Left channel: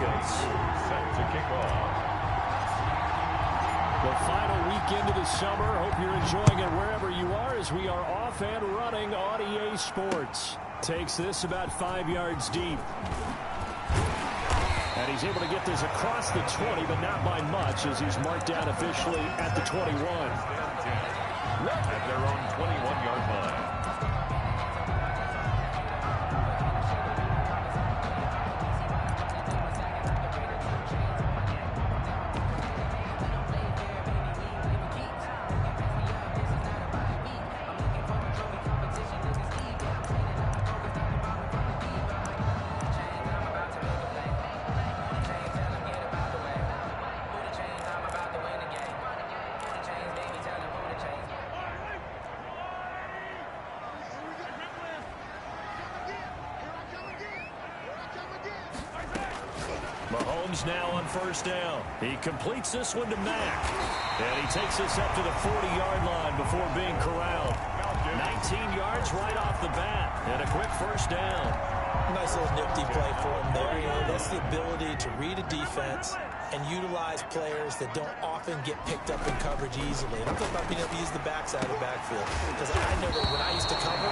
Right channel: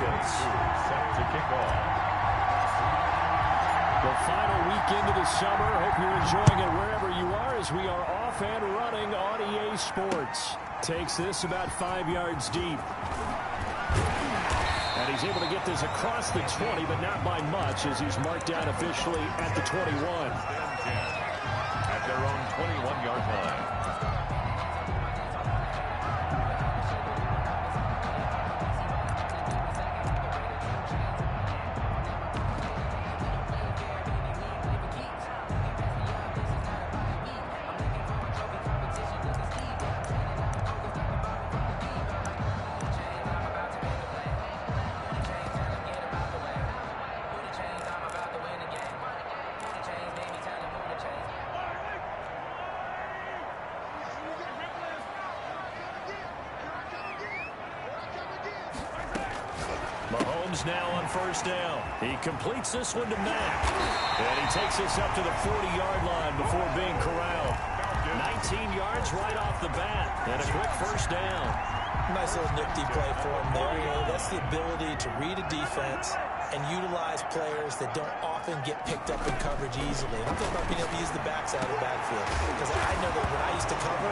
Falcons. Set to kick off. The final weekend of the summer. Hope you're enjoying it wherever you are as we are off and running on EA Sports. Takes this about 5 yards deep. And he's able to get this across the 20, but not by much as he's marked down officially at the 21. At their own 21-yard line. Mahomes now on first down. He completes this one to Mack. And he takes this up to the 40-yard line before being corralled. 19 yards right off the bat. And a quick first down. Nice little nifty play for him there. You know, that's the ability to read a defense and utilize players that don't often get picked up in coverage easily. And I'm talking about being able to use the backs out of the backfield. Because I know that when I used to cover,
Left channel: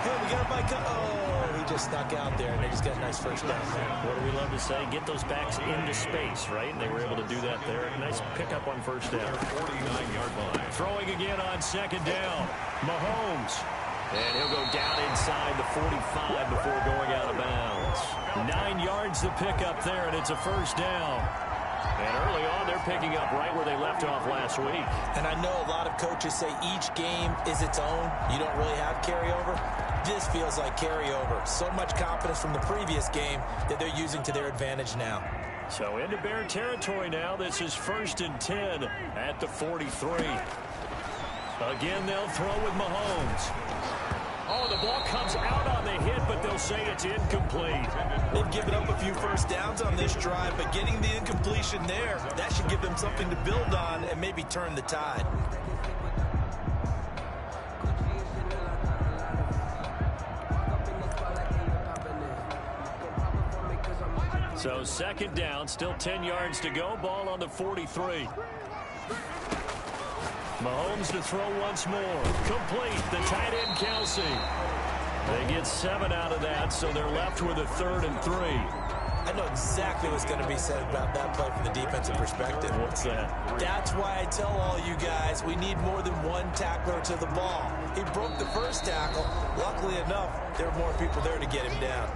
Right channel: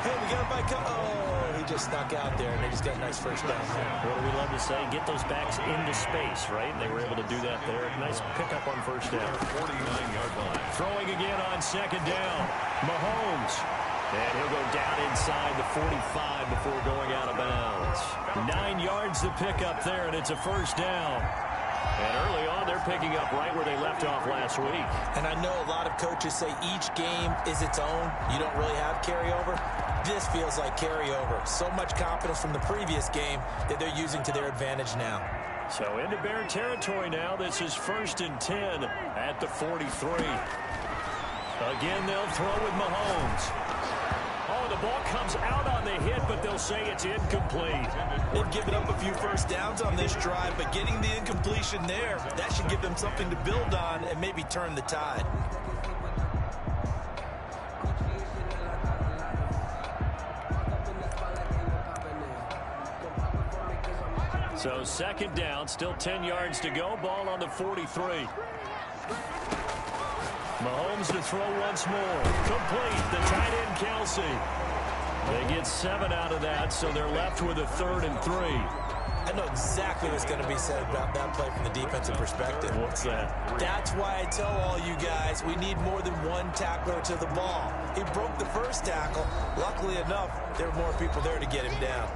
hey, we got a bike. Oh, he just snuck out there, and they just got a nice first down there. What do we love to say? Get those backs into space, right? And they were able to do that there. Nice pickup on first down. 49-yard line. Throwing again on second down. Mahomes. And he'll go down inside the 45 before going out of bounds. 9 yards to pick up there, and it's a first down. And early on, they're picking up right where they left off last week. And I know a lot of coaches say each game is its own. You don't really have carryover. This feels like carryover. So much confidence from the previous game that they're using to their advantage now. So into Bear territory now. This is 1st and 10 at the 43. Again, they'll throw with Mahomes. Oh, the ball comes out on the hit, but they'll say it's incomplete. They've given up a few first downs on this drive, but getting the incompletion there, that should give them something to build on and maybe turn the tide. So 2nd down, still 10 yards to go. Ball on the 43. Mahomes to throw once more. Complete. The tight end, Kelsey. They get 7 out of that, so they're left with a 3rd and 3. I know exactly what's going to be said about that play from the defensive perspective. What's that? That's why I tell all you guys we need more than one tackler to the ball. He broke the first tackle. Luckily enough, there were more people there to get him down.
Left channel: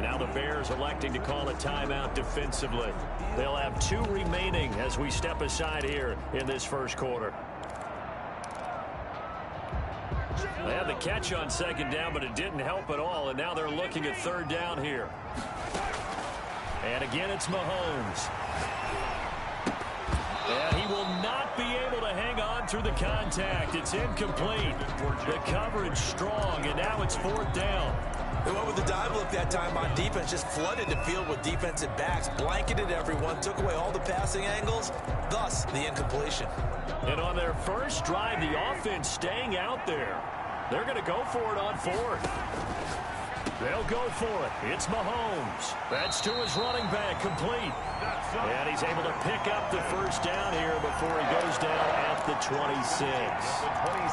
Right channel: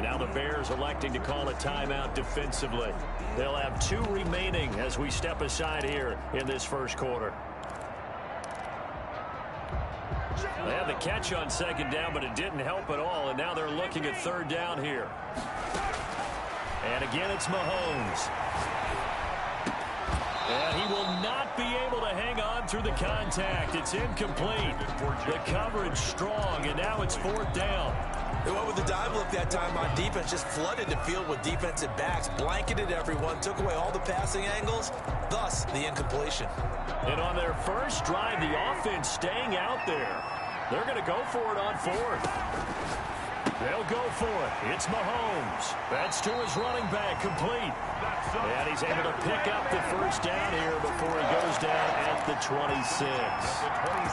Now the Bears electing to call a timeout defensively. They'll have 2 remaining as we step aside here in this first quarter. They had the catch on 2nd down, but it didn't help at all, and now they're looking at 3rd down here. And again, it's Mahomes. And he will not be able to hang on through the contact. It's incomplete. The coverage strong, and now it's 4th down. They went with the dive look that time on defense, just flooded the field with defensive backs, blanketed everyone, took away all the passing angles, thus the incompletion. And on their first drive, the offense staying out there. They're going to go for it on 4th. They'll go for it. It's Mahomes. That's to his running back, complete. And he's able to pick up the first down here before he goes down at the 26.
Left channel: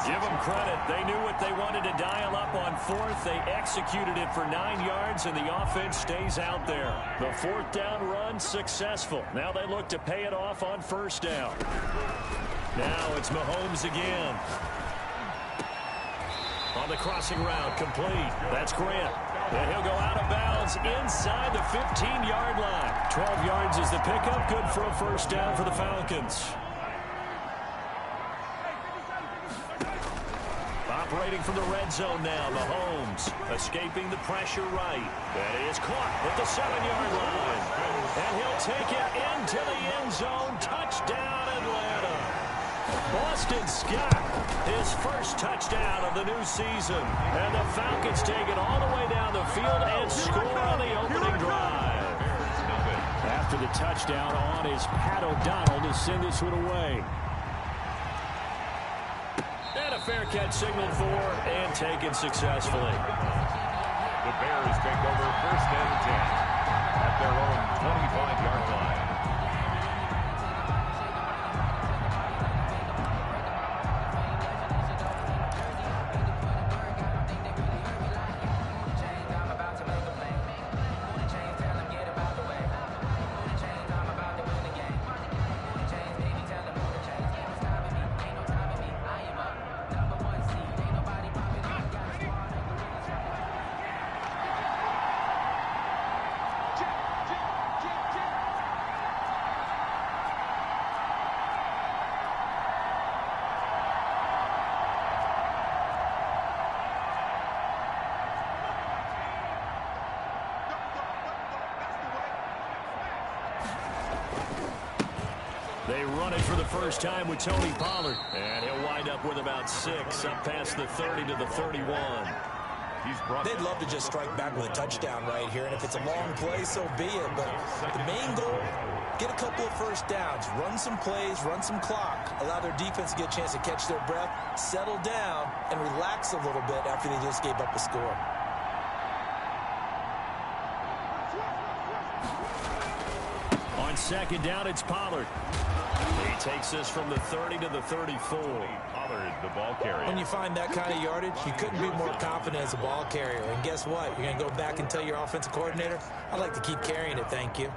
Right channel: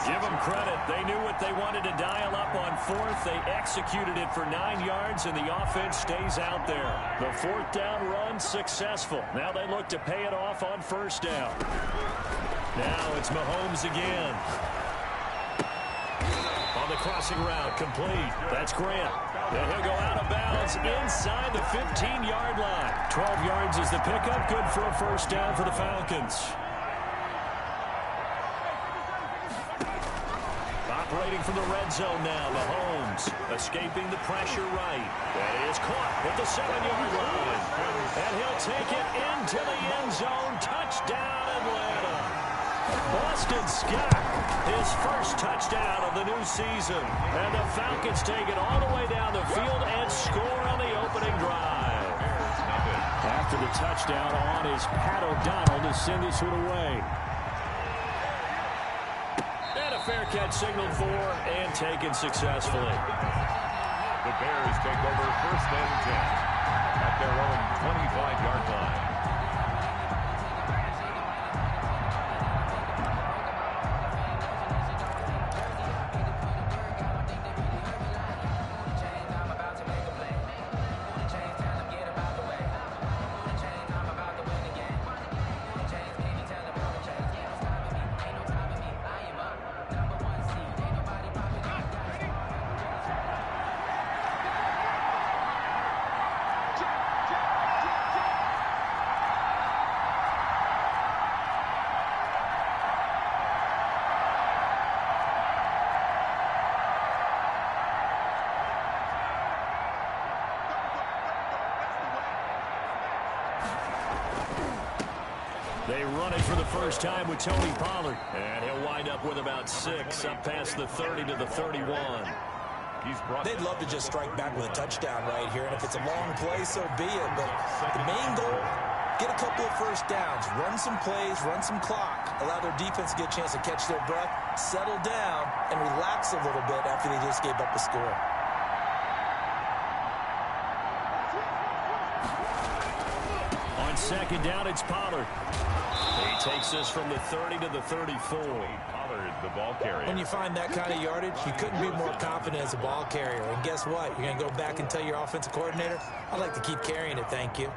Give them credit. They knew what they wanted to dial up on 4th. They executed it for 9 yards, and the offense stays out there. The 4th down run successful. Now they look to pay it off on 1st down. Now it's Mahomes again. On the crossing route, complete. That's Grant. And he'll go out of bounds inside the 15-yard line. 12 yards is the pickup. Good for a first down for the Falcons. Operating from the red zone now, Mahomes escaping the pressure right. That is caught at the 7-yard line. And he'll take it into the end zone. Touchdown, Atlanta. Boston Scott, his first touchdown of the new season. And the Falcons take it all the way down the field and score on the opening drive. After the touchdown on is Pat O'Donnell to send this one away. And a fair catch signaled for and taken successfully. The Bears take over 1st and 10 at their own 25-yard line. They run it for the first time with Tony Pollard. And he'll wind up with about 6 up past the 30 to the 31. They'd love to just strike back with a touchdown right here. And if it's a long play, so be it. But the main goal, get a couple of first downs, run some plays, run some clock, allow their defense to get a chance to catch their breath, settle down, and relax a little bit after they just gave up a score. On second down, it's Pollard. He takes this from the 30 to the 34. Pollard, the ball carrier. When you find that kind of yardage, you couldn't be more confident as a ball carrier. And guess what? You're going to go back and tell your offensive coordinator, I'd like to keep carrying it, thank you.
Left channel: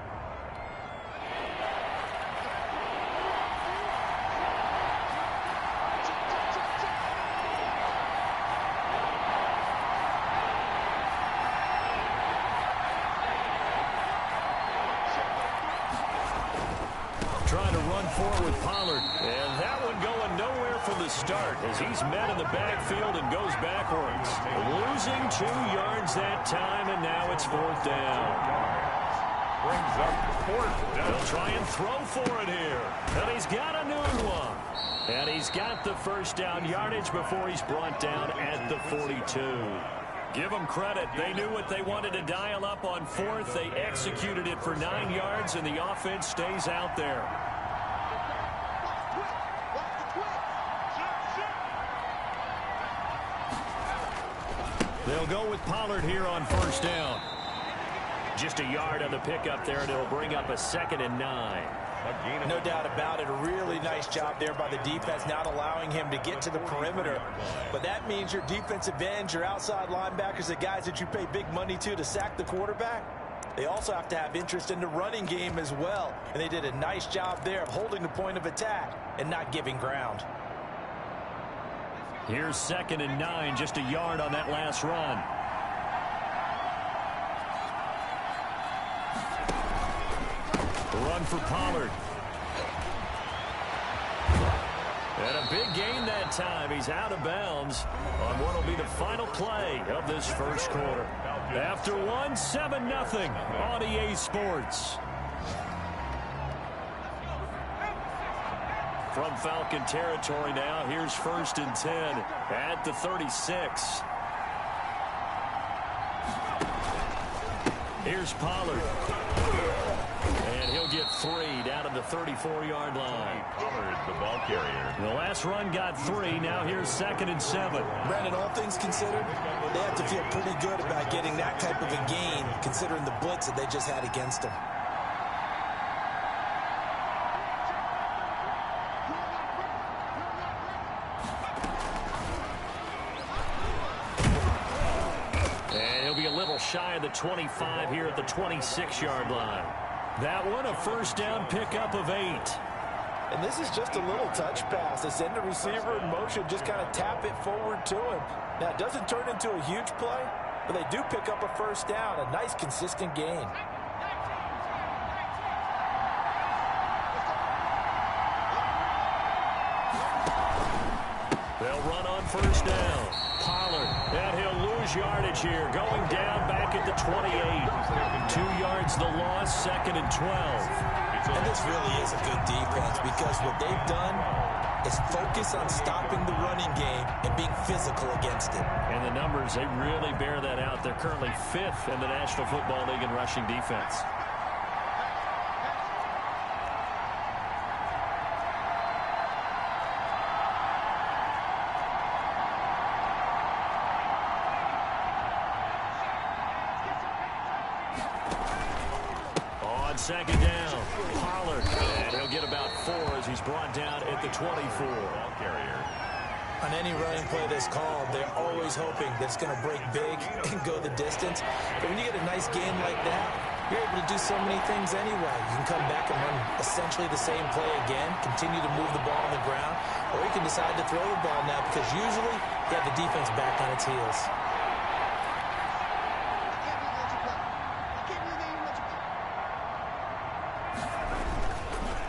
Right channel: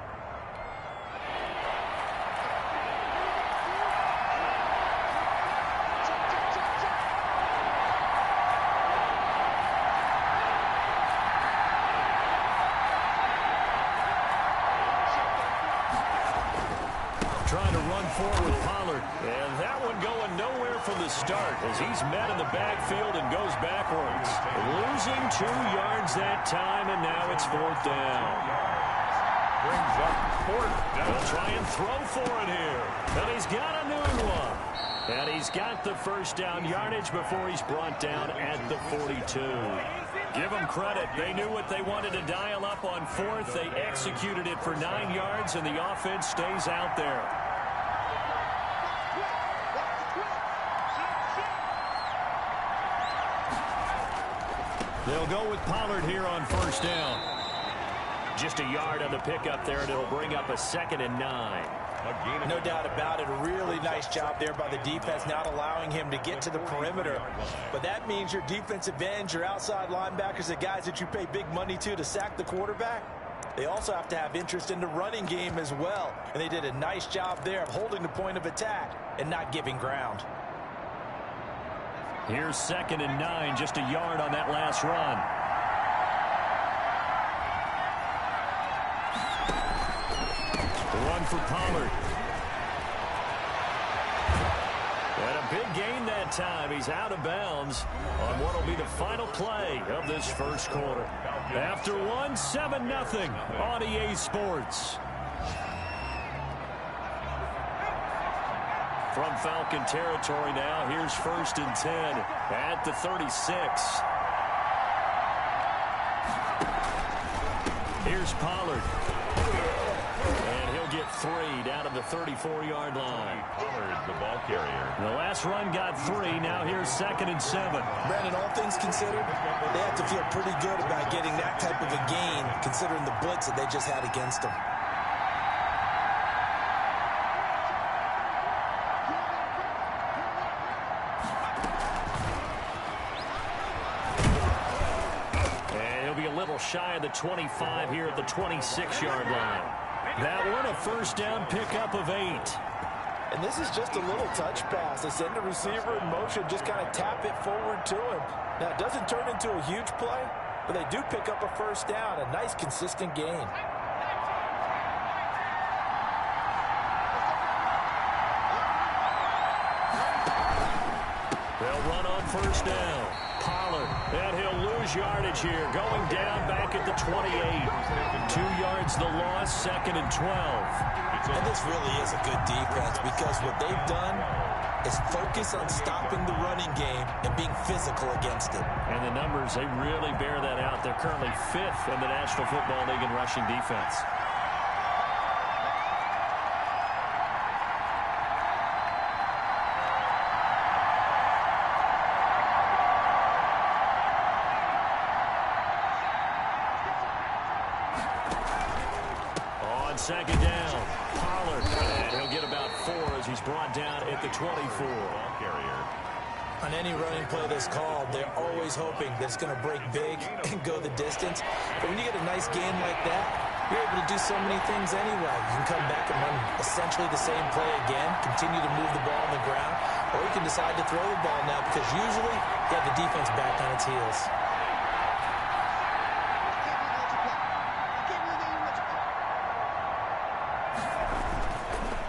Trying to run forward with Pollard. And that one going nowhere from the start as he's met in the backfield and goes backwards. Losing 2 yards that time, and now it's 4th down. Brings up 4th down. He'll try and throw for it here. And he's got a new one. And he's got the first down yardage before he's brought down at the 42. Give them credit. They knew what they wanted to dial up on 4th. They executed it for 9 yards, and the offense stays out there. They'll go with Pollard here on 1st down. Just a yard on the pickup there, and it'll bring up a 2nd and 9. No doubt about it. A really nice job there by the defense, not allowing him to get to the perimeter. But that means your defensive ends, your outside linebackers, the guys that you pay big money to sack the quarterback, they also have to have interest in the running game as well. And they did a nice job there of holding the point of attack and not giving ground. Here's 2nd and 9, just a yard on that last run. Run for Pollard. And a big gain that time. He's out of bounds on what will be the final play of this first quarter. After one, 7-0 on EA Sports. From Falcon territory now, here's 1st and 10 at the 36. Here's Pollard. And he'll get 3 down to the 34-yard line. Pollard, the ball carrier. The last run got 3. Now here's 2nd and 7. Brandon, all things considered, they have to feel pretty good about getting that type of a gain, considering the blitz that they just had against them. And he'll be a little shy of the 25 here at the 26-yard line. That one, a 1st down pickup of 8. And this is just a little touch pass. They send the receiver in motion, just kind of tap it forward to him. Now, it doesn't turn into a huge play, but they do pick up a 1st down, a nice, consistent gain. They'll run on 1st down. Pollard, and he'll lose yardage here, going down back at the 28. 2 yards the loss, 2nd and 12. And this really is a good defense because what they've done is focus on stopping the running game and being physical against it. And the numbers, they really bear that out. They're currently 5th in the National Football League in rushing defense. on second down. Pollard, and he'll get about 4 as he's brought down at the 24. Ball carrier. On any running play that's called, they're always hoping that it's going to break big and go the distance. But when you get a nice game like that, you're able to do so many things anyway. You can come back and run essentially the same play again, continue to move the ball on the ground, or you can decide to throw the ball now because usually you have the defense back on its heels.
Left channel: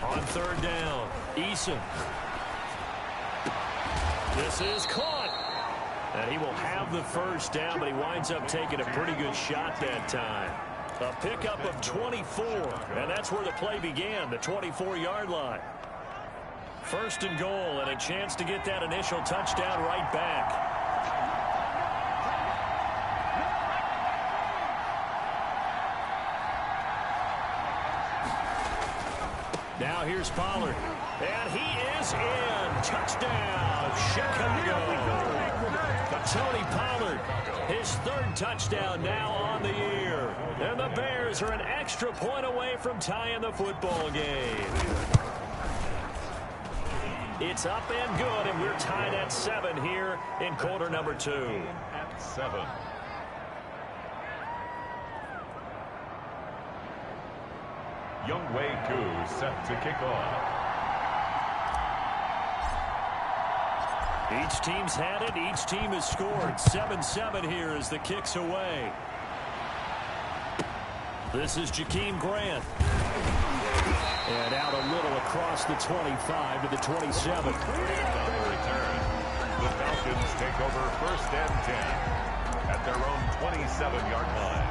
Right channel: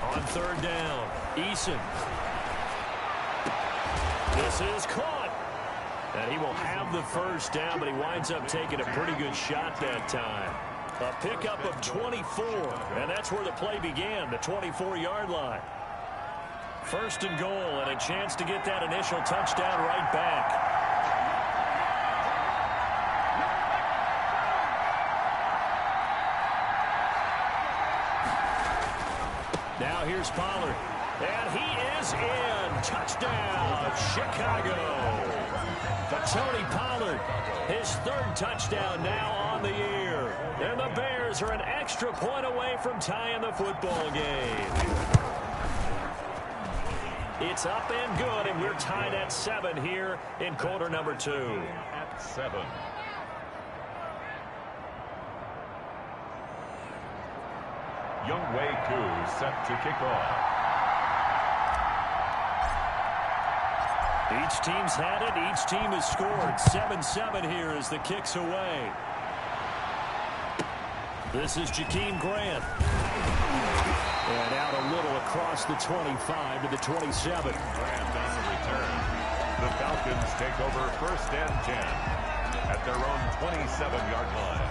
On third down, Eason. This is caught. And he will have the first down, but he winds up taking a pretty good shot that time. A pickup of 24, and that's where the play began, the 24-yard line. First and goal, and a chance to get that initial touchdown right back. Now here's Pollard. And he is in. Touchdown, Chicago. Tony Pollard, his third touchdown now on the year. And the Bears are an extra point away from tying the football game. It's up and good, and we're tied at 7 here in quarter number 2. At 7. wk3 set to kick off. Each team's had it. Each team has scored. 7-7 here as the kick's away. This is Jakeem Grant. And out a little across the 25 to the 27. Grant on the return. The Falcons take over first and 10 at their own 27-yard line.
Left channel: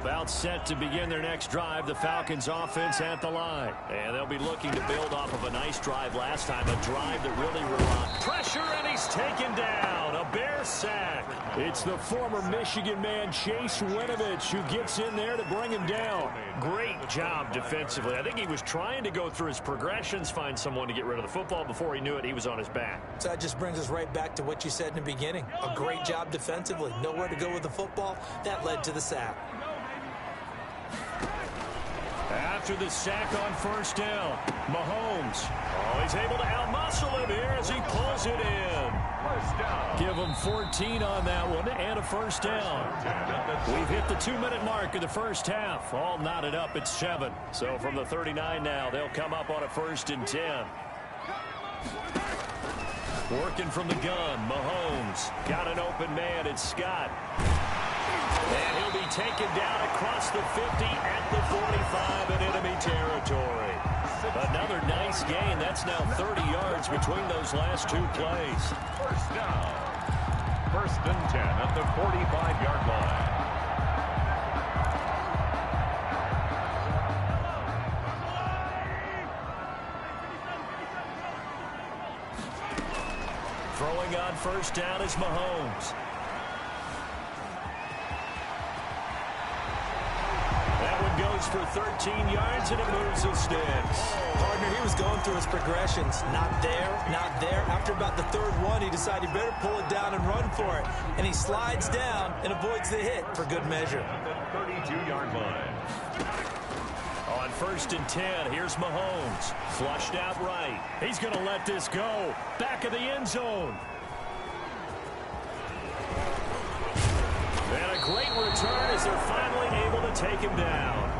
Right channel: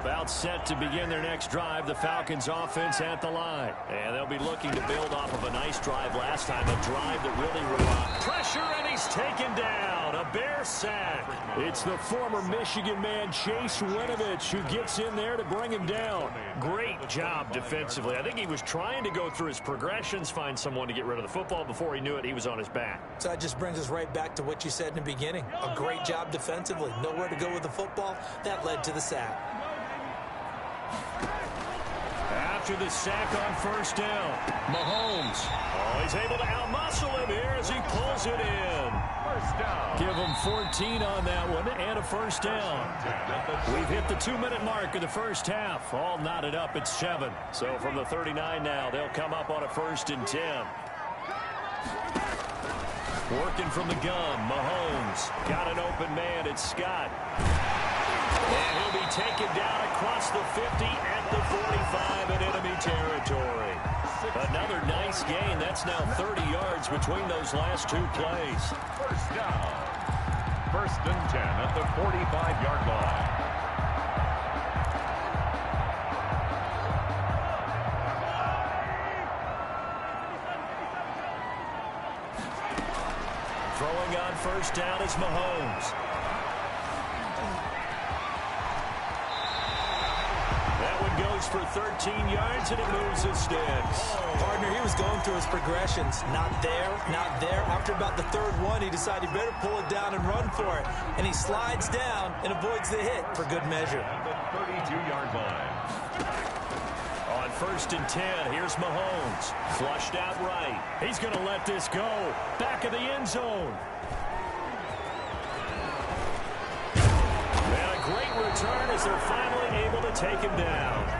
About set to begin their next drive, the Falcons offense at the line. And they'll be looking to build off of a nice drive last time, a drive that really relied. Pressure, and he's taken down. A Bear sack. It's the former Michigan man, Chase Winovich, who gets in there to bring him down. Great job defensively. I think he was trying to go through his progressions, find someone to get rid of the football. Before he knew it, he was on his back. So that just brings us right back to what you said in the beginning. A great job defensively. Nowhere to go with the football. That led to the sack. After the sack on first down, Mahomes. Oh, he's able to outmuscle him here as he pulls it in. First down. Give him 14 on that one and a first down. We've hit the 2-minute mark of the first half. All knotted up at 7. So from the 39 now, they'll come up on a 1st and 10. Working from the gun, Mahomes. Got an open man, it's Scott. And he'll be taken down across the 50 at the 45 in enemy territory. Another nice gain. That's now 30 yards between those last 2 plays. First down. First and 10 at the 45-yard line. Throwing on first down is Mahomes. That one goes for 13 yards, and it moves the sticks. Partner, he was going through his progressions. Not there, not there. After about the 3rd one, he decided he better pull it down and run for it. And he slides down and avoids the hit for good measure. At the 32-yard line. On 1st and 10, here's Mahomes. Flushed out right. He's going to let this go. Back of the end zone. And a great return as they're finally able to take him down.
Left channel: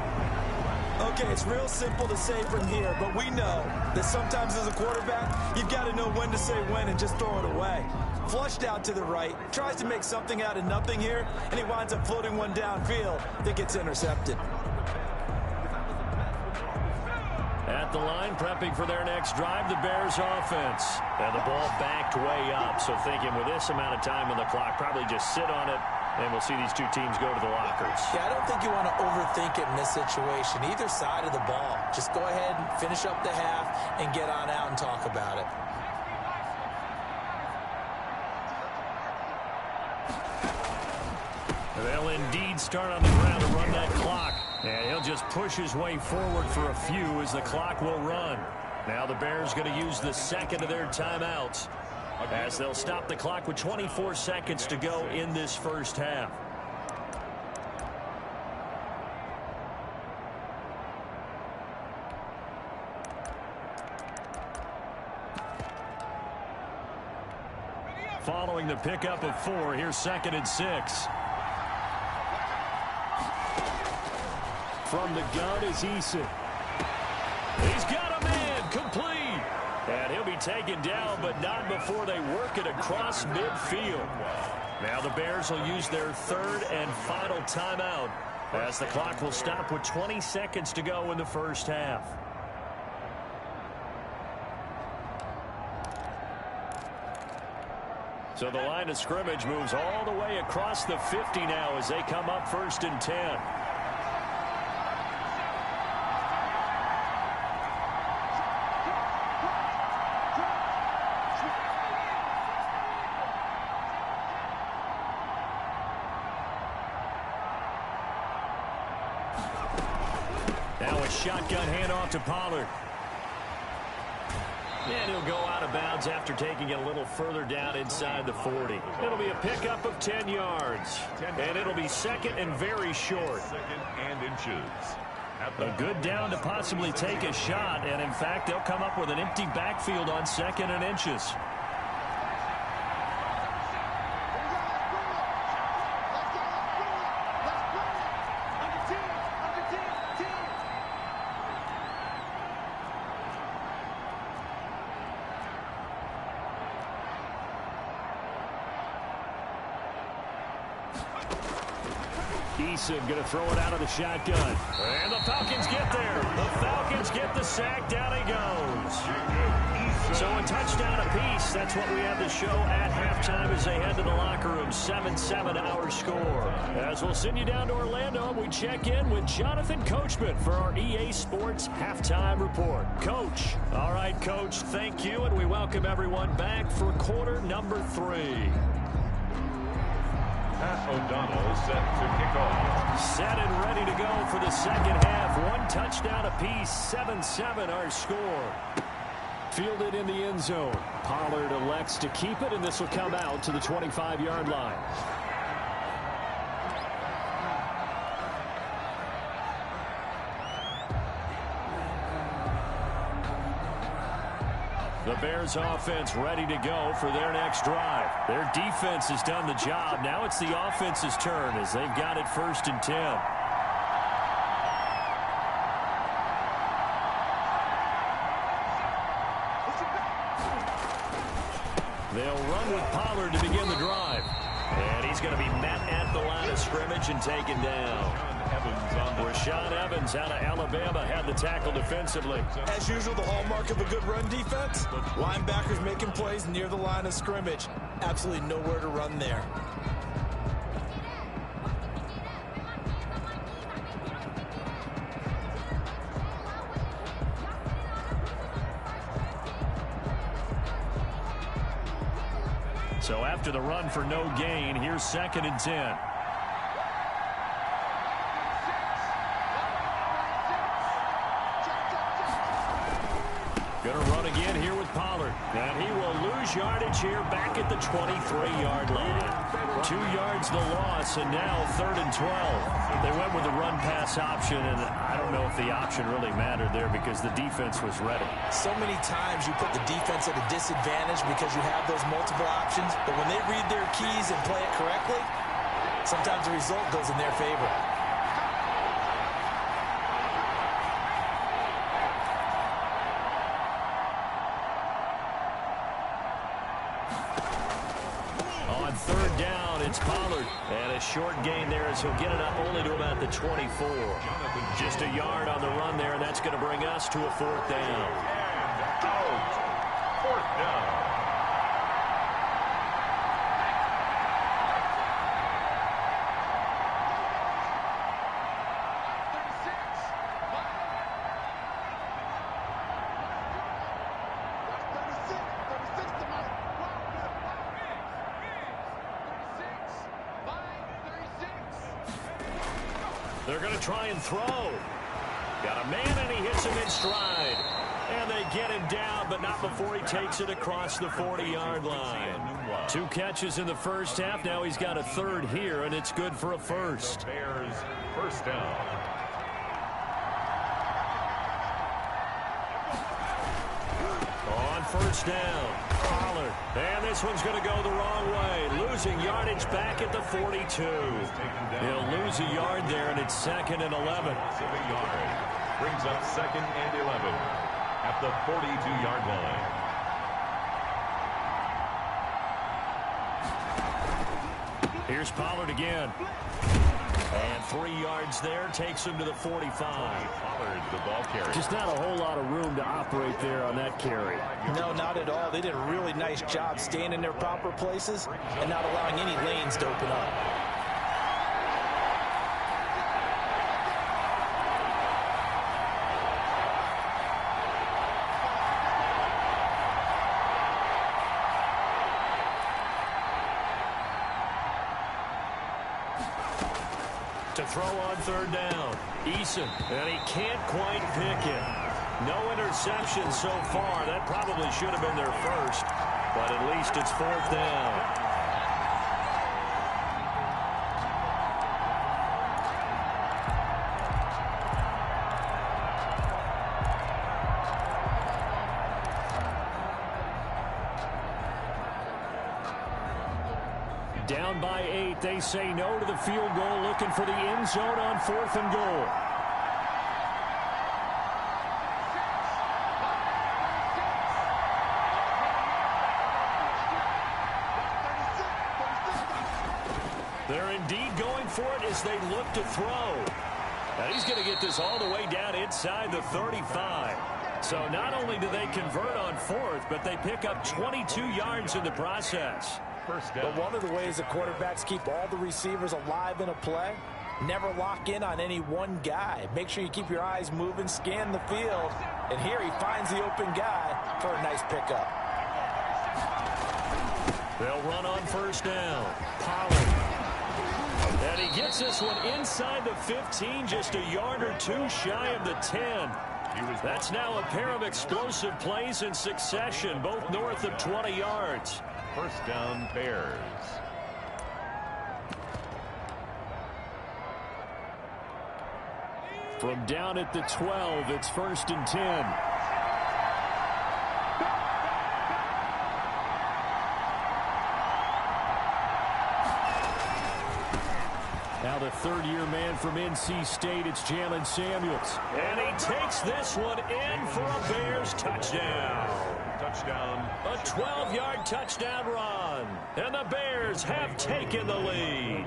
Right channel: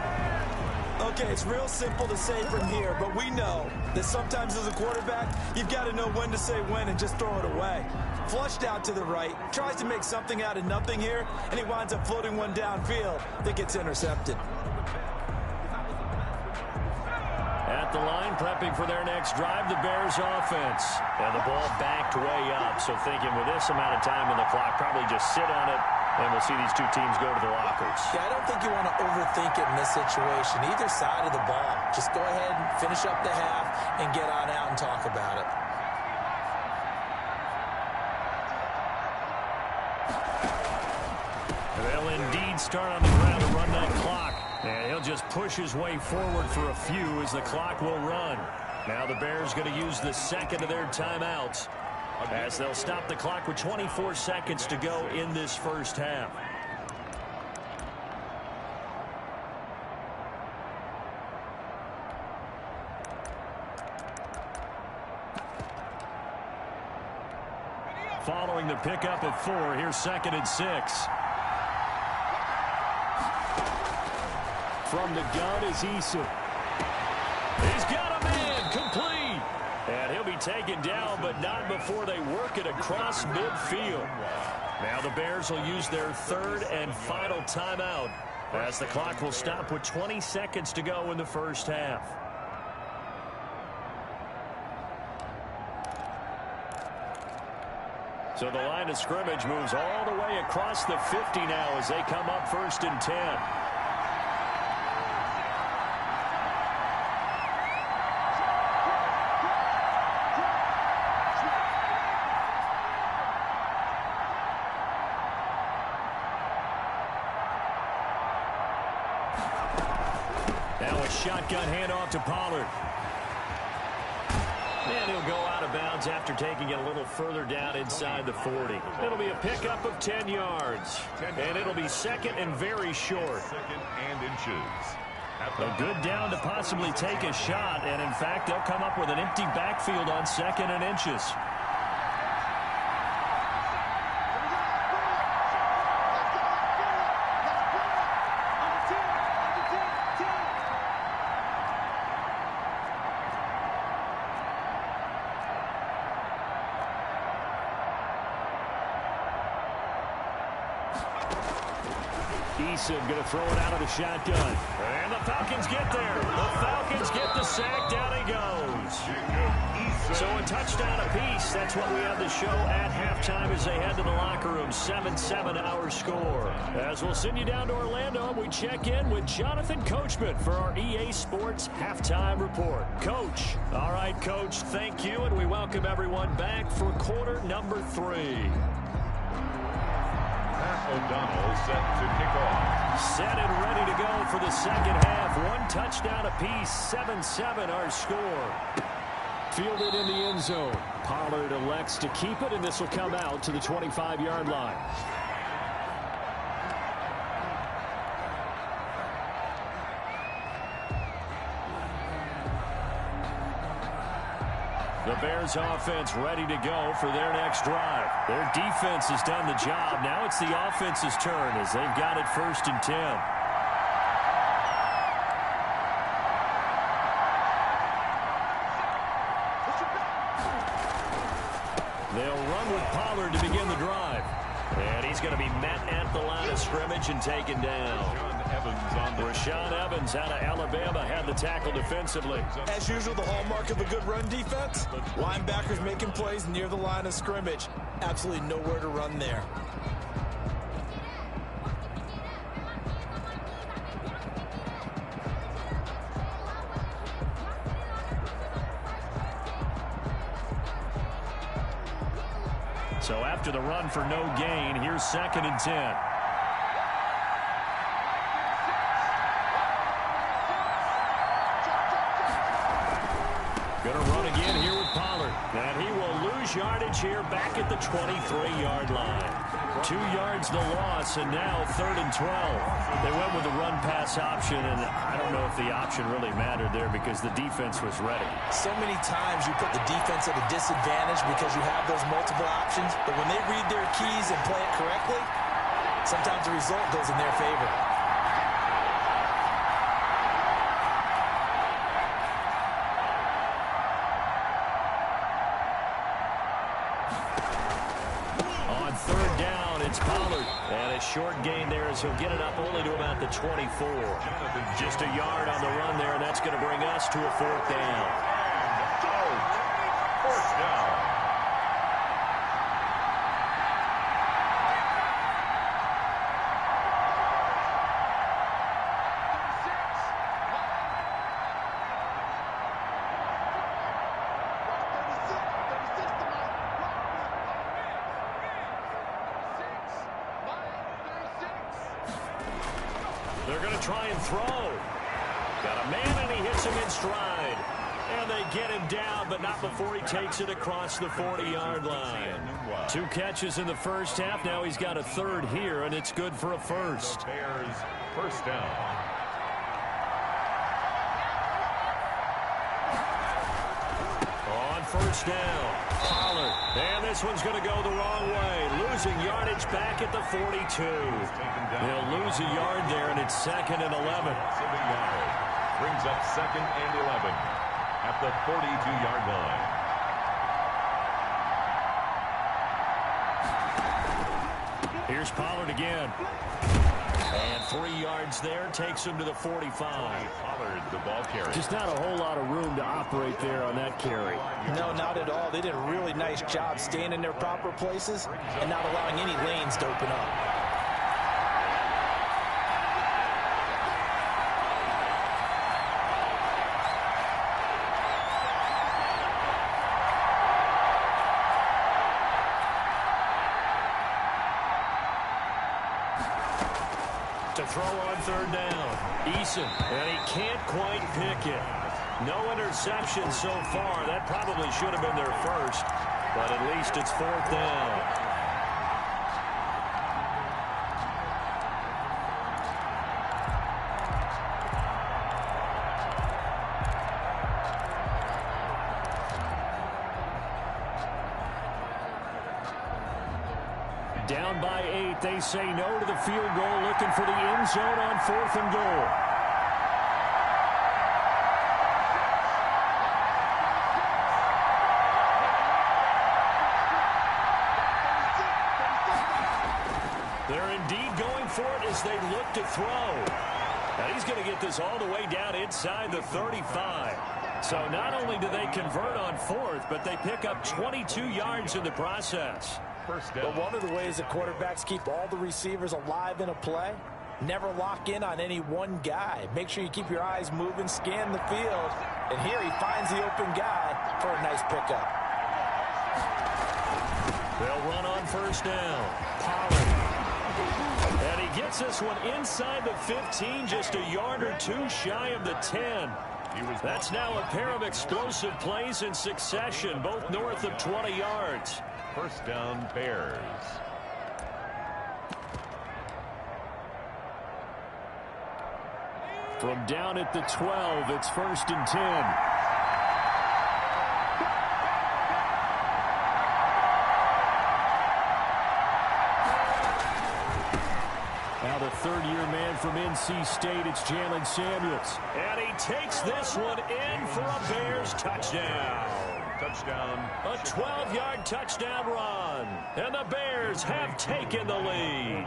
Okay, it's real simple to say from here, but we know that sometimes as a quarterback, you've got to know when to say when and just throw it away. Flushed out to the right, tries to make something out of nothing here, and he winds up floating one downfield that gets intercepted. At the line, prepping for their next drive, the Bears offense. And the ball backed way up, so thinking with this amount of time on the clock, probably just sit on it, and we'll see these two teams go to the lockers. Yeah, I don't think you want to overthink it in this situation. Either side of the ball. Just go ahead and finish up the half and get on out and talk about it. They'll indeed start on the ground to run that clock. And he'll just push his way forward for a few as the clock will run. Now the Bears going to use the second of their timeouts as they'll stop the clock with 24 seconds to go in this first half. Following the pickup of 4, here's 2nd and 6. From the gun is Eason. He's got a man, complete. And he'll be taken down, but not before they work it across midfield. Now the Bears will use their 3rd and final timeout as the clock will stop with 20 seconds to go in the first half. So the line of scrimmage moves all the way across the 50 now as they come up 1st and 10. Now a shotgun handoff to Pollard. And he'll go out of bounds after taking it a little further down inside the 40. It'll be a pickup of 10 yards. And it'll be 2nd and very short. 2nd and inches. A good down to possibly take a shot. And in fact, they'll come up with an empty backfield on 2nd and inches. Eason going to throw it out of the shotgun. And the Falcons get there. The Falcons get the sack. Down he goes. So a touchdown apiece. That's what we have the show at halftime as they head to the locker room. 7-7 our score. As we'll send you down to Orlando, we check in with Jonathan Coachman for our EA Sports Halftime Report. Coach. All right, Coach, thank you, and we welcome everyone back for quarter number 3. Pat O'Donnell set to kick off. Set and ready to go for the second half. 1 touchdown apiece. 7-7 our score. Fielded in the end zone. Pollard elects to keep it, and this will come out to the 25-yard line. The Bears offense ready to go for their next drive. Their defense has done the job. Now it's the offense's turn as they've got it 1st and 10. They'll run with Pollard to begin the drive. And he's going to be met at the line of scrimmage and taken down. Rashaan Evans out of Alabama had the tackle defensively. As usual, the hallmark of a good run defense. Linebackers making plays near the line of scrimmage. Absolutely nowhere to run there. So after the run for no gain, here's 2nd and 10. Going to run again here with Pollard. And he will lose yardage here back at the 23-yard line. 2 yards the loss, and now 3rd and 12. They went with the run-pass option, and I don't know if the option really mattered there because the defense was ready. So many times you put the defense at a disadvantage because you have those multiple options, but when they read their keys and play it correctly, sometimes the result goes in their favor. On 3rd down, it's Pollard. And a short gain there as he'll get it up only to about the 24. Just a yard on the run there, and that's going to bring us to a 4th down. And out. 4th down. They're going to try and throw. Got a man, and he hits him in stride. And they get him down, but not before he takes it across the 40-yard line. 2 catches in the first half. Now he's got a third here, and it's good for a first. The Bears first down. On first down, Pollard. And this one's going to go the wrong way. Losing yardage back at the 42. He'll lose a yard there, and it's 2nd and 11. Of a yard. Brings up 2nd and 11 at the 42-yard line. Here's Pollard again. And 3 yards there takes him to the 45. Pollard, the ball carrier. Just not a whole lot of room to operate there on that carry. No, not at all. They did a really nice job staying in their proper places and not allowing any lanes to open up. To throw on third down, Eason, and he can't quite pick it. No interception so far. That probably should have been their first, but at least it's 4th down. Down by 8, they say no to the field goal, looking for the end zone on 4th and goal. They're indeed going for it as they look to throw. Now he's going to get this all the way down inside the 35. So not only do they convert on 4th, but they pick up 22 yards in the process. But one of the ways the quarterbacks keep all the receivers alive in a play, never lock in on any one guy. Make sure you keep your eyes moving, scan the field. And here he finds the open guy for a nice pickup. They'll run on first down. Pollard. And he gets this one inside the 15, just a yard or 2 shy of the 10. That's now a pair of explosive plays in succession, both north of 20 yards. First down, Bears. From down at the 12, it's 1st and 10. Now the third-year man from NC State, it's Jalen Samuels. And he takes this one in for a Bears touchdown. Touchdown. A 12-yard touchdown run. And the Bears have taken the lead.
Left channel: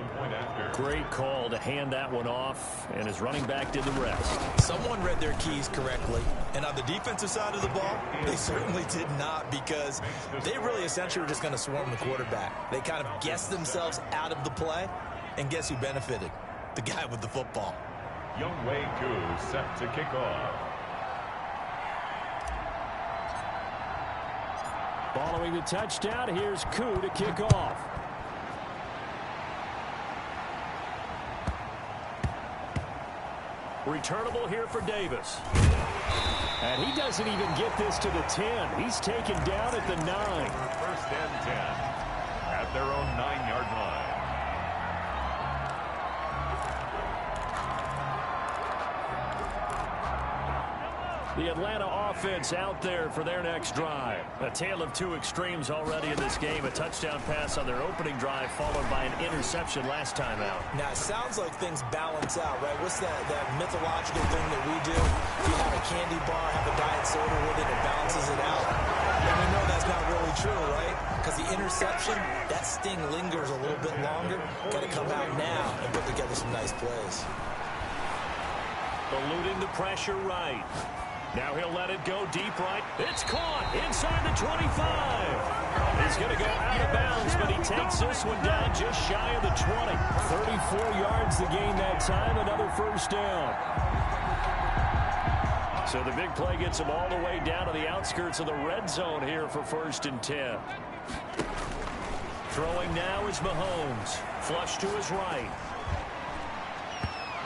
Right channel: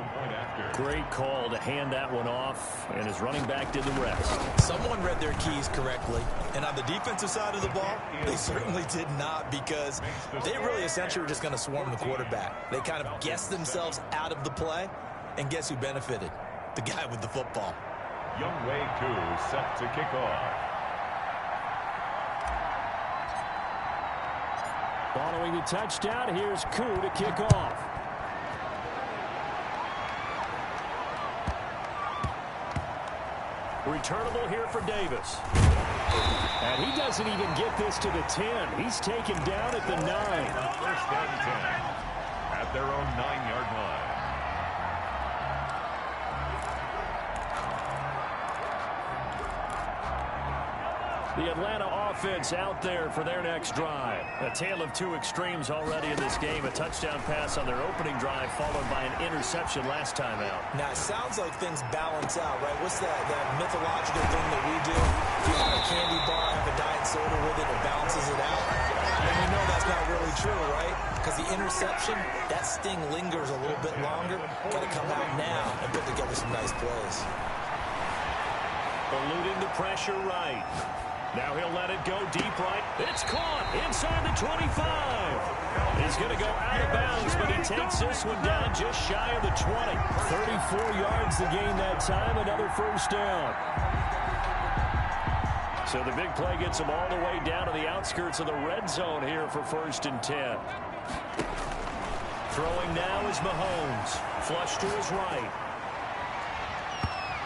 Great call to hand that one off, and his running back did the rest. Someone read their keys correctly. And on the defensive side of the ball, they certainly did not, because they really essentially were just going to swarm the quarterback. They kind of guessed themselves out of the play. And guess who benefited? The guy with the football. wk3 set to kick off. Following the touchdown, here's Koo to kick off. Returnable here for Davis. And he doesn't even get this to the 10. He's taken down at the 9. First and 10 at their own 9-yard line. The Atlanta offense out there for their next drive. A tale of 2 extremes already in this game. A touchdown pass on their opening drive, followed by an interception last time out. Now, it sounds like things balance out, right? What's that mythological thing that we do? If you have a candy bar, have a diet soda with it, it balances it out. And we know that's not really true, right? Because the interception, that sting lingers a little bit longer. Got to come out now and put together some nice plays. Eluding the pressure right. Now he'll let it go deep right. It's caught inside the 25. He's going to go out of bounds, but he takes this one down just shy of the 20. 34 yards the gain that time, another first down. So the big play gets him all the way down to the outskirts of the red zone here for 1st and 10. Throwing now is Mahomes. Flush to his right.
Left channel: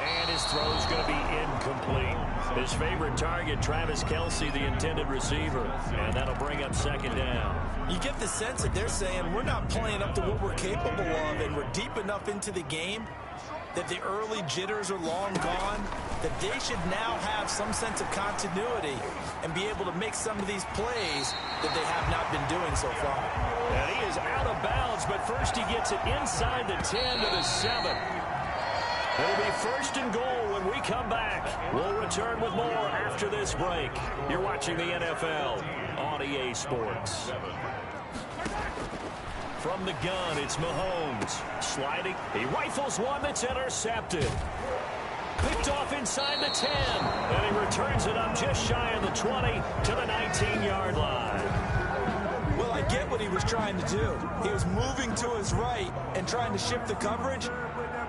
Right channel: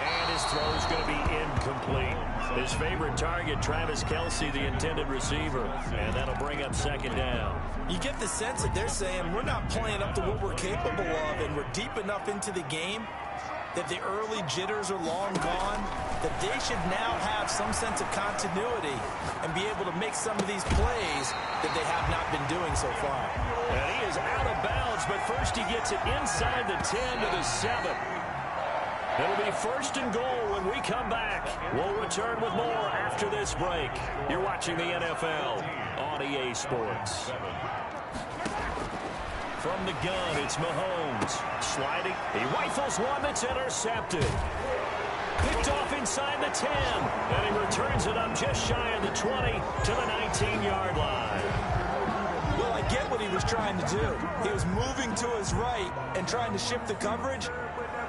And his throw's going to be incomplete. His favorite target, Travis Kelce, the intended receiver. And that'll bring up second down. You get the sense that they're saying we're not playing up to what we're capable of, and we're deep enough into the game that the early jitters are long gone, that they should now have some sense of continuity and be able to make some of these plays that they have not been doing so far. And he is out of bounds, but first he gets it inside the 10 to the 7. It'll be first and goal when we come back. We'll return with more after this break. You're watching the NFL on EA Sports. From the gun, it's Mahomes. Sliding. He rifles one that's intercepted. Picked off inside the 10. And he returns it up just shy of the 20 to the 19-yard line. Well, I get what he was trying to do. He was moving to his right and trying to shift the coverage,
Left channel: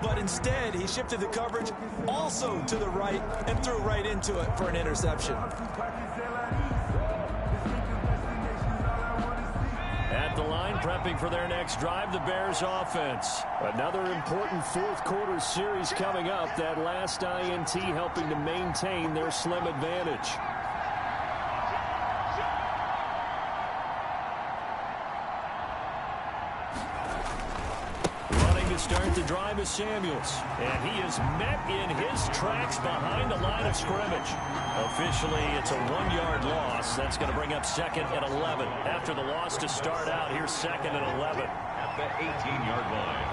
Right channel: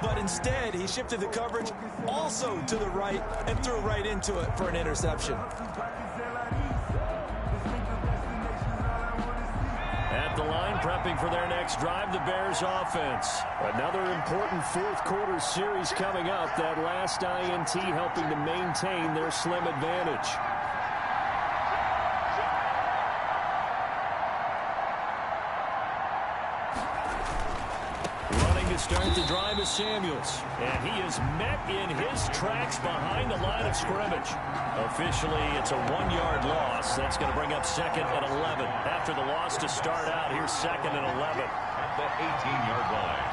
but instead he shifted the coverage also to the right and threw right into it for an interception. At the line, prepping for their next drive, the Bears offense. Another important fourth quarter series coming up. That last INT helping to maintain their slim advantage. Running to start the drive is Samuels. And he is met in his tracks behind the line of scrimmage. Officially, it's a 1-yard loss. That's going to bring up second and 11. After the loss to start out, here's second and 11. At the 18-yard line.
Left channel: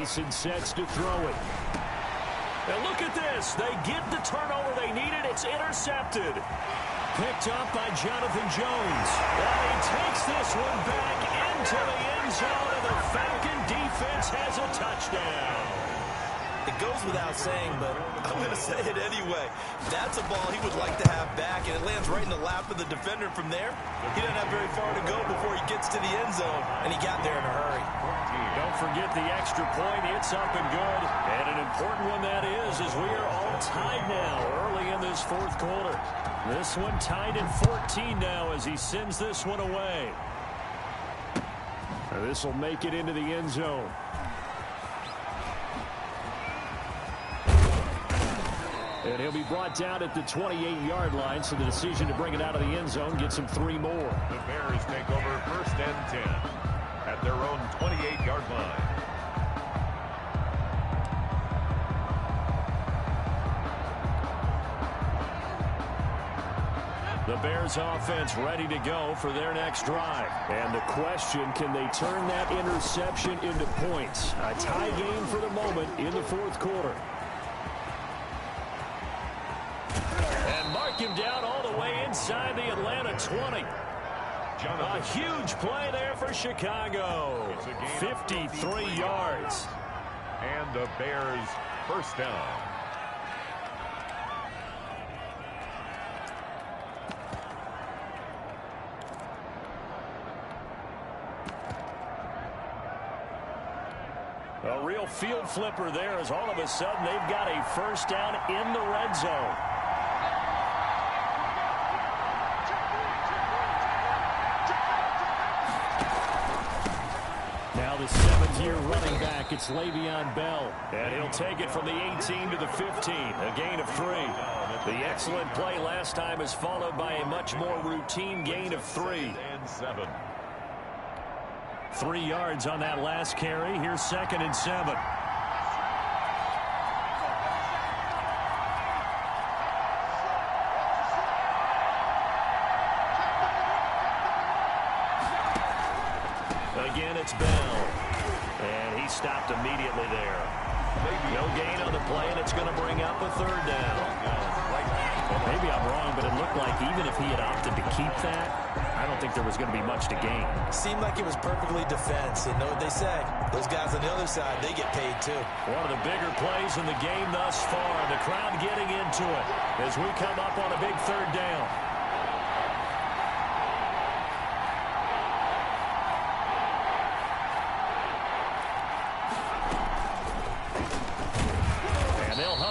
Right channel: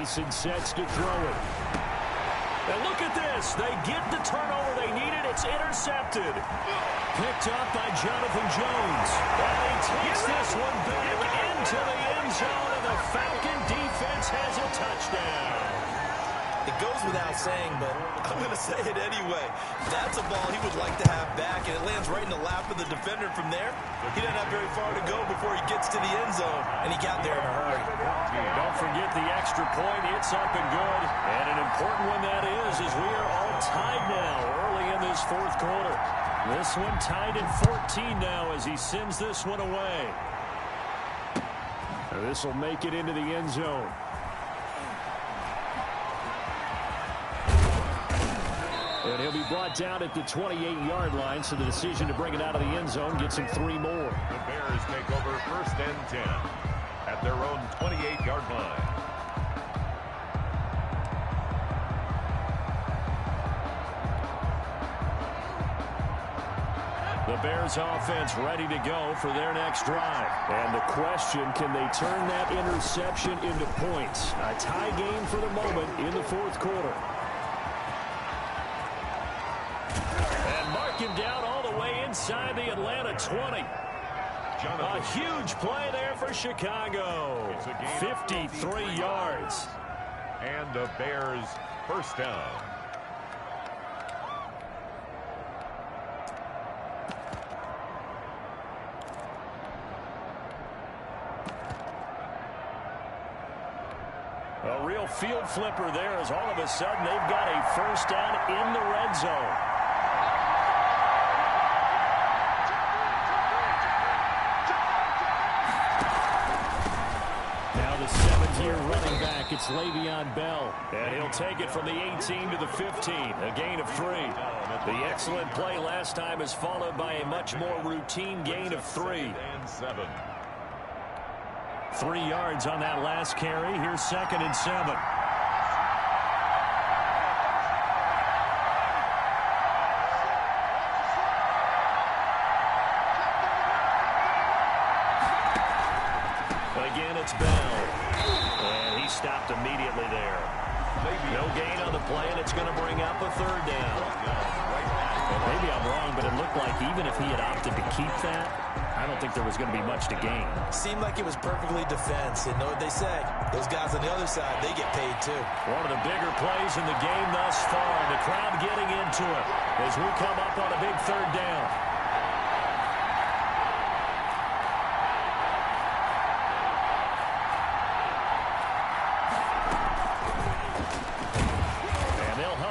Eason sets to throw it. And look at this. They get the turnover they needed. It's intercepted. Picked up by Jonathan Jones. And he takes this one back into the end zone, and the Falcon defense has a touchdown. It goes without saying, but I'm going to say it anyway. That's a ball he would like to have back, and it lands right in the lap of the defender from there. He doesn't have very far to go before he gets to the end zone, and he got there in a hurry. Don't forget the extra point. It's up and good. And an important one that is, as we are all tied now early in this fourth quarter. This one tied at 14 now as he sends this one away. This will make it into the end zone. And he'll be brought down at the 28-yard line, so the decision to bring it out of the end zone gets him 3 more. The Bears take over first and 10 at their own 28-yard line. The Bears offense ready to go for their next drive. And the question, can they turn that interception into points? A tie game for the moment in the fourth quarter. And mark him down all the way inside the Atlanta 20. A huge play there for Chicago. 53 yards. And the Bears first down. A real field flipper there, as all of a sudden they've got a first down in the red zone. Now the 7th-year running back, it's Le'Veon Bell. And he'll take it from the 18 to the 15, a gain of 3. The excellent play last time is followed by a much more routine gain of 3. And 7. 3 yards on that last carry. Here's 2nd and 7. Again, it's Bell. And he stopped immediately there. No gain on the play, and it's going to bring up a 3rd down. Maybe I'm wrong, but it looked like even if he had opted to keep that, I don't think there was going to be much to gain. Seemed like it was perfectly defense. And know what they say? Those guys on the other side, they get paid too. One of the bigger plays in the game thus far. The crowd getting into it as we come up on a big 3rd down.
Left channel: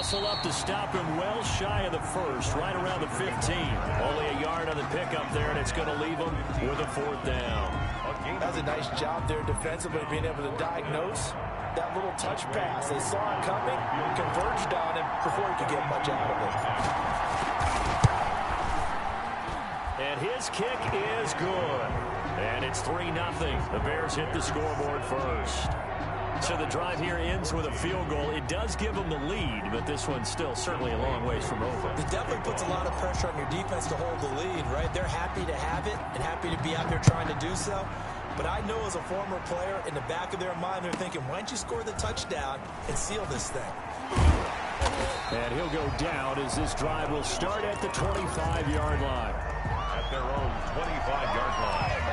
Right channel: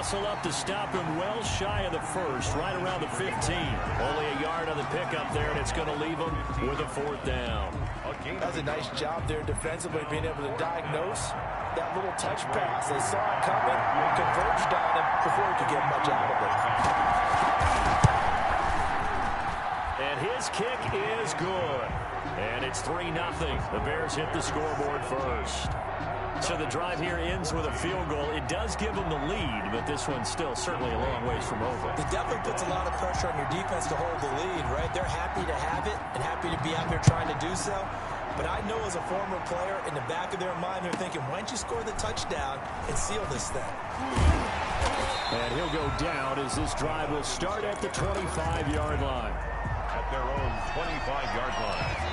muscle up to stop him well shy of the first, right around the 15. Only a yard on the pickup there, and it's going to leave him with a 4th down. That was a nice job there defensively, being able to diagnose that little touch pass. They saw it coming, converged on him before he could get much out of it. And his kick is good. And it's 3-0. The Bears hit the scoreboard first. So the drive here ends with a field goal. It does give them the lead, but this one's still certainly a long ways from over. It definitely puts a lot of pressure on your defense to hold the lead, right? They're happy to have it and happy to be out there trying to do so. But I know as a former player, in the back of their mind, they're thinking, why don't you score the touchdown and seal this thing? And he'll go down as this drive will start at the 25-yard line. At their own 25-yard line.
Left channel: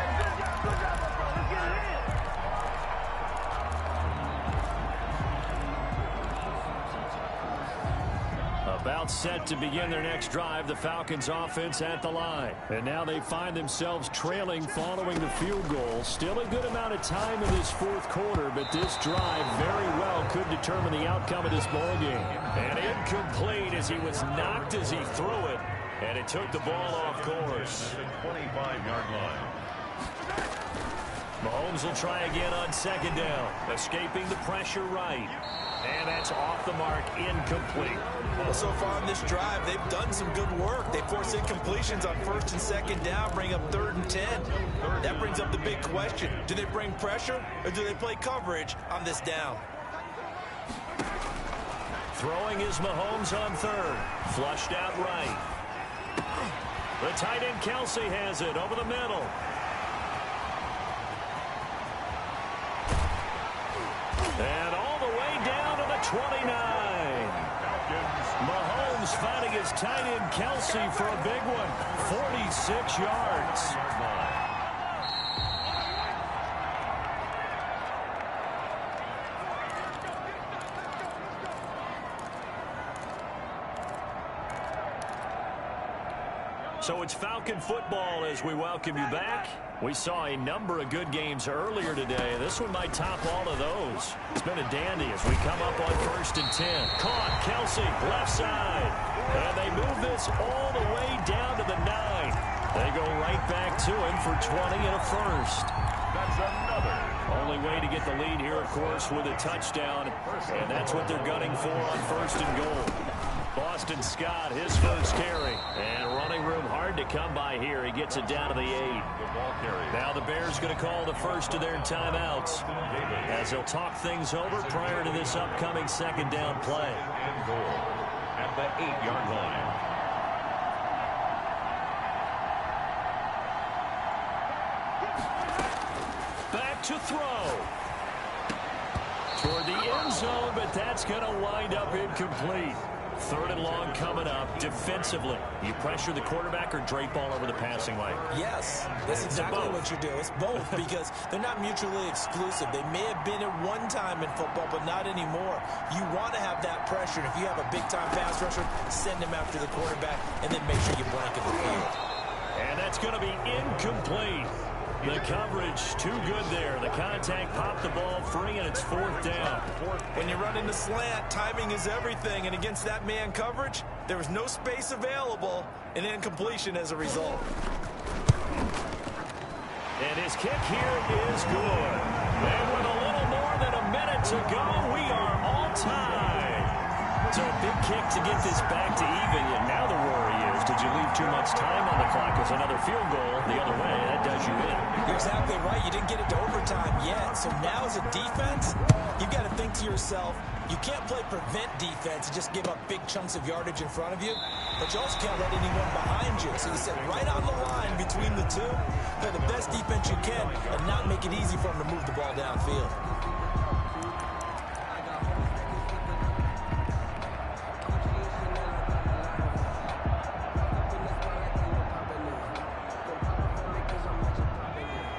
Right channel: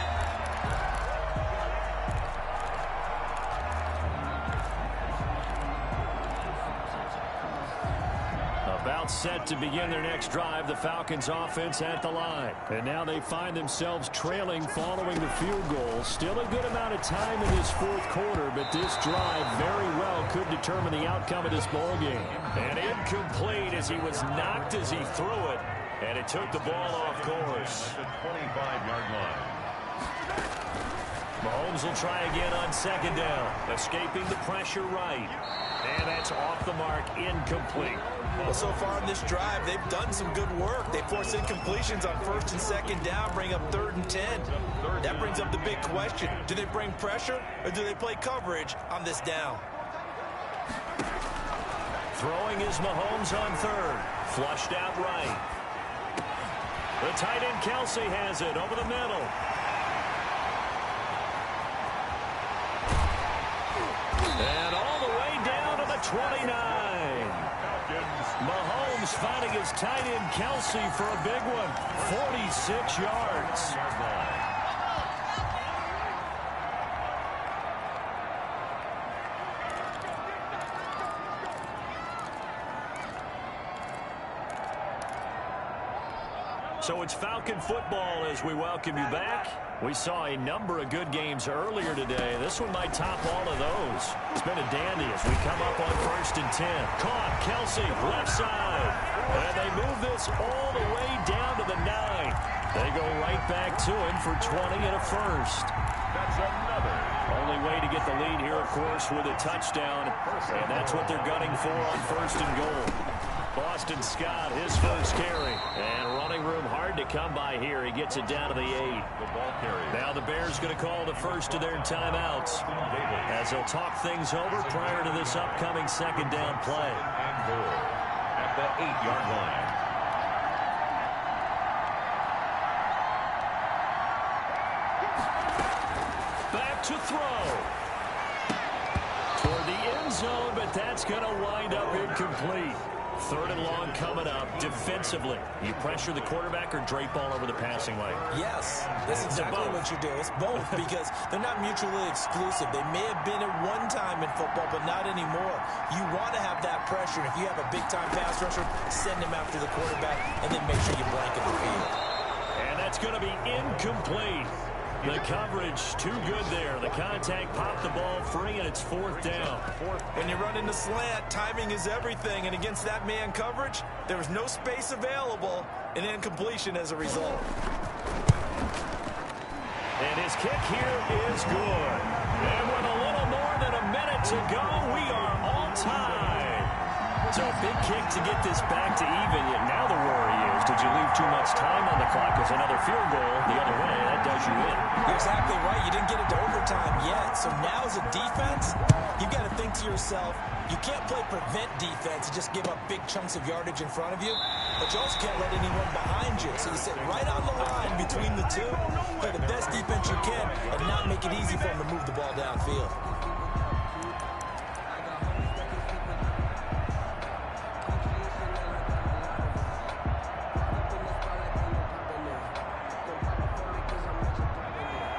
About set to begin their next drive, the Falcons offense at the line. And now they find themselves trailing following the field goal. Still a good amount of time in this 4th quarter, but this drive very well could determine the outcome of this ball game. And incomplete as he was knocked as he threw it. And it took the ball off course. At the 25-yard line. Mahomes will try again on 2nd down. Escaping the pressure right. And that's off the mark, incomplete. Well, so far in this drive, they've done some good work. They force incompletions on 1st and 2nd down, bring up 3rd and 10. That brings up the big question. Do they bring pressure or do they play coverage on this down? Throwing is Mahomes on 3rd. Flushed out right. The tight end Kelsey has it over the middle. And all the way down to the 29. Mahomes finding his tight end Kelsey for a big one. 46 yards. So it's Falcon football as we welcome you back. We saw a number of good games earlier today. This one might top all of those. It's been a dandy as we come up on 1st and 10. Caught, Kelsey, left side. And they move this all the way down to the 9. They go right back to him for 20 and a first. That's another. Only way to get the lead here, of course, with a touchdown. And that's what they're gunning for on 1st and goal. Boston Scott, his first carry. And running room hard to come by here. He gets it down to the 8. The ball carry. Now the Bears going to call the first of their timeouts as they'll talk things over prior to this upcoming 2nd down play. And goal at the 8-yard line. Back to throw. Toward the end zone, but that's going to wind up incomplete. 3rd and long coming up. Defensively, you pressure the quarterback or drape all over the passing lane? Yes, that's exactly what you do. It's both because they're not mutually exclusive. They may have been at one time in football, but not anymore. You want to have that pressure. And if you have a big-time pass rusher, send him after the quarterback, and then make sure you blanket the field. And that's going to be incomplete. The coverage too good there. The contact popped the ball free, and it's 4th down. When you run into slant, timing is everything. And against that man coverage, there was no space available, and incompletion as a result. And his kick here is good. And with a little more than a minute to go, we are all tied. So a big kick to get this back to even. Yet now the worry is, did you leave too much time on the clock? Because another field goal the other way, that does you in. You're exactly right. You didn't get it to overtime yet. So now as a defense, you've got to think to yourself, you can't play prevent defense and just give up big chunks of yardage in front of you. But you also can't let anyone behind you. So you sit right on the line between the two, play the best defense you can, and not make it easy for them to move the ball downfield.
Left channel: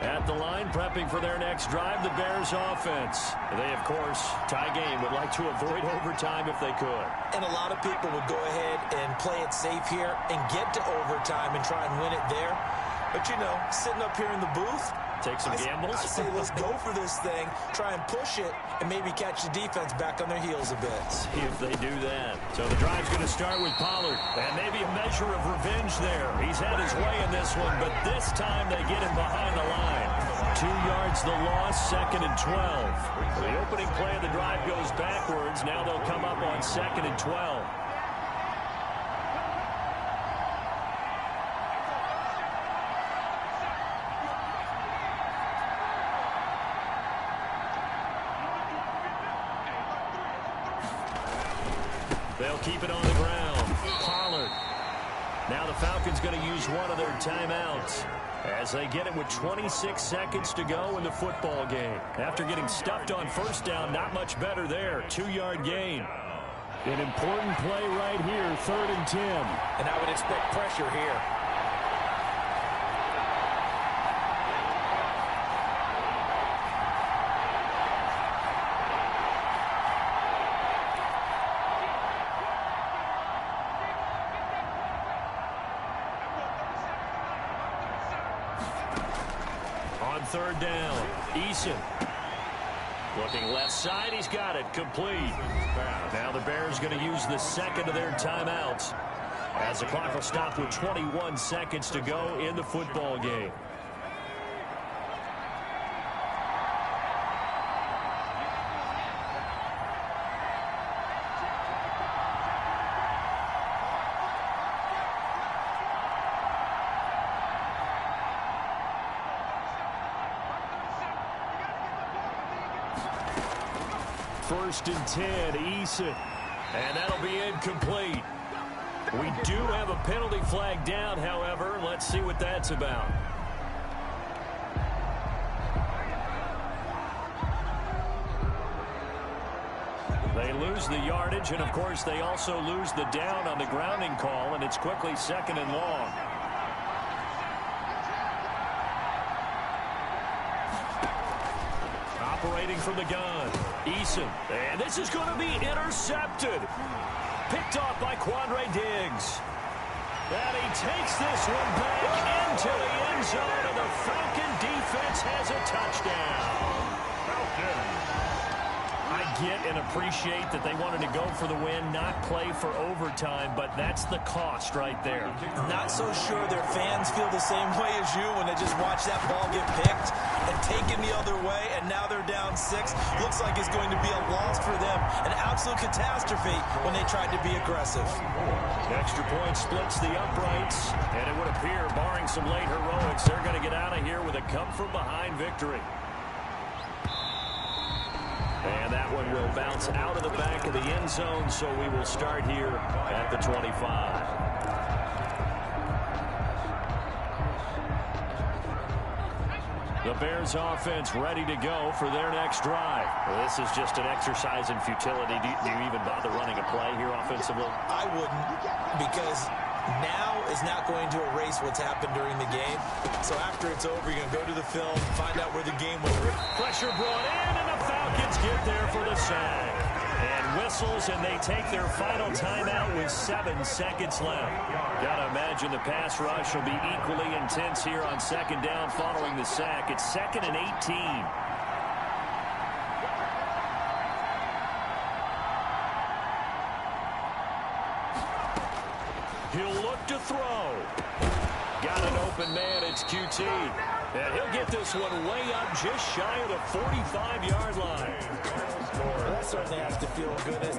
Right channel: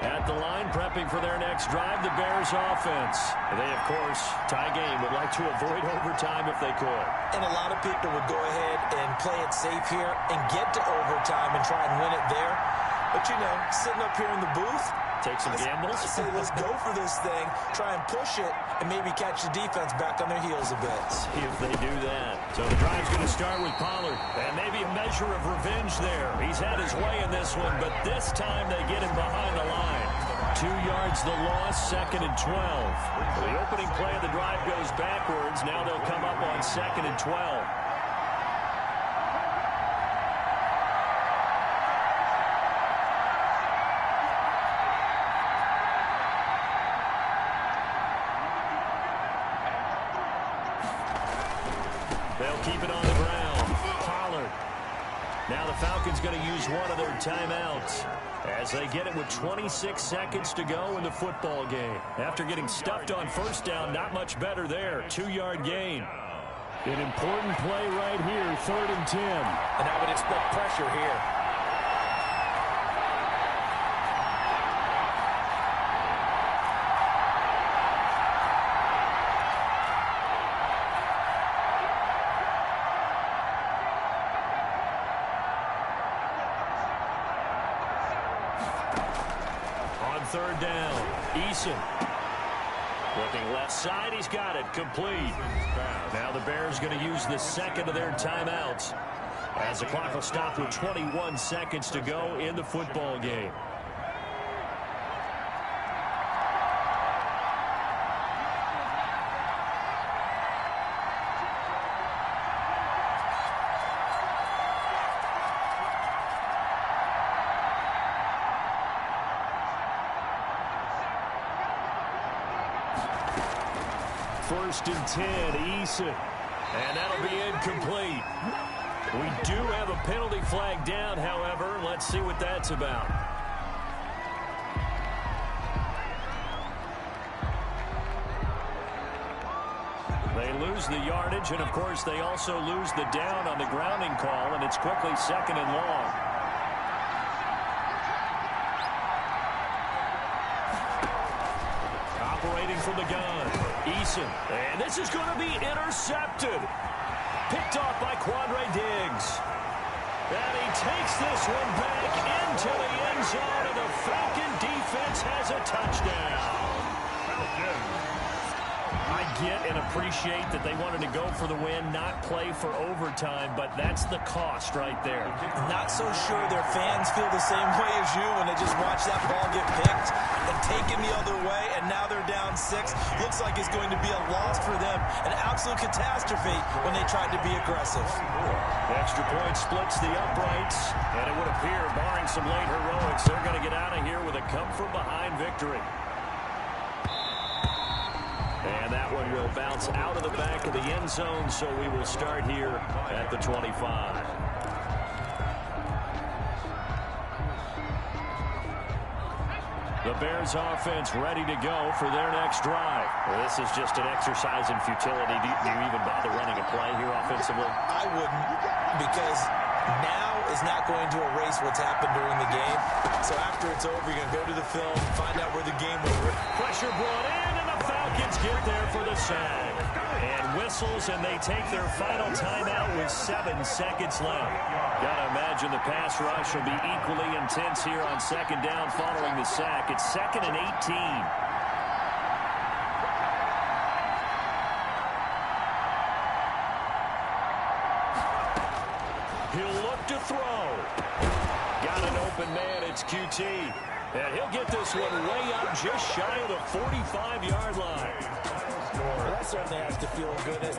At the line, prepping for their next drive, the Bears offense. They, of course, tie game, would like to avoid overtime if they could. And a lot of people would go ahead and play it safe here and get to overtime and try and win it there. But, you know, sitting up here in the booth, Take some gambles? I say let's go for this thing, try and push it, and maybe catch the defense back on their heels a bit. See if they do that. So the drive's going to start with Pollard. And maybe a measure of revenge there. He's had his way in this one, but this time they get him behind the line. 2 yards the loss, 2nd and 12. The opening play of the drive goes backwards. Now they'll come up on 2nd and 12. They'll keep it on the ground. Pollard. Now the Falcons going to use one of their timeouts as they get it with 26 seconds to go in the football game. After getting stuffed on first down, not much better there. 2-yard gain. An important play right here, 3rd and 10. And I would expect pressure here. On 3rd down, Eason. Looking left side, he's got it, complete. Now the Bears going to use the 2nd of their timeouts as the clock will stop with 21 seconds to go in the football game. First and 10, Eason. And that'll be incomplete. We do have a penalty flag down, however. Let's see what that's about. They lose the yardage, and of course they also lose the down on the grounding call, and it's quickly 2nd and long. Operating from the gun, Eason. And this is going to be intercepted. Picked off by Quandre Diggs. And he takes this one back into the end zone, and the Falcon defense has a touchdown. Falcons. I get and appreciate that they wanted to go for the win, not play for overtime, but that's the cost right there. Not so sure their fans feel the same way as you when they just watch that ball get picked and taken the other way, and now they're down 6. Looks like it's going to be a loss for them. An absolute catastrophe when they tried to be aggressive. Extra point splits the uprights, and it would appear, barring some late heroics, they're going to get out of here with a come-from-behind victory. And that one will bounce out of the back of the end zone, so we will start here at the 25. The Bears offense ready to go for their next drive. This is just an exercise in futility. Do you even bother running a play here offensively? I wouldn't, because now is not going to erase what's happened during the game. So after it's over, you're going to go to the film, find out where the game was. Pressure brought in, and the Falcons get there for the sack. And whistles, and they take their final timeout with 7 seconds left. Got to imagine the pass rush will be equally intense here on 2nd down following the sack. It's 2nd and 18. He'll look to throw. Got an open man, it's QT. And he'll get this one way up just shy of the 45-yard line. Well, that certainly has to feel good.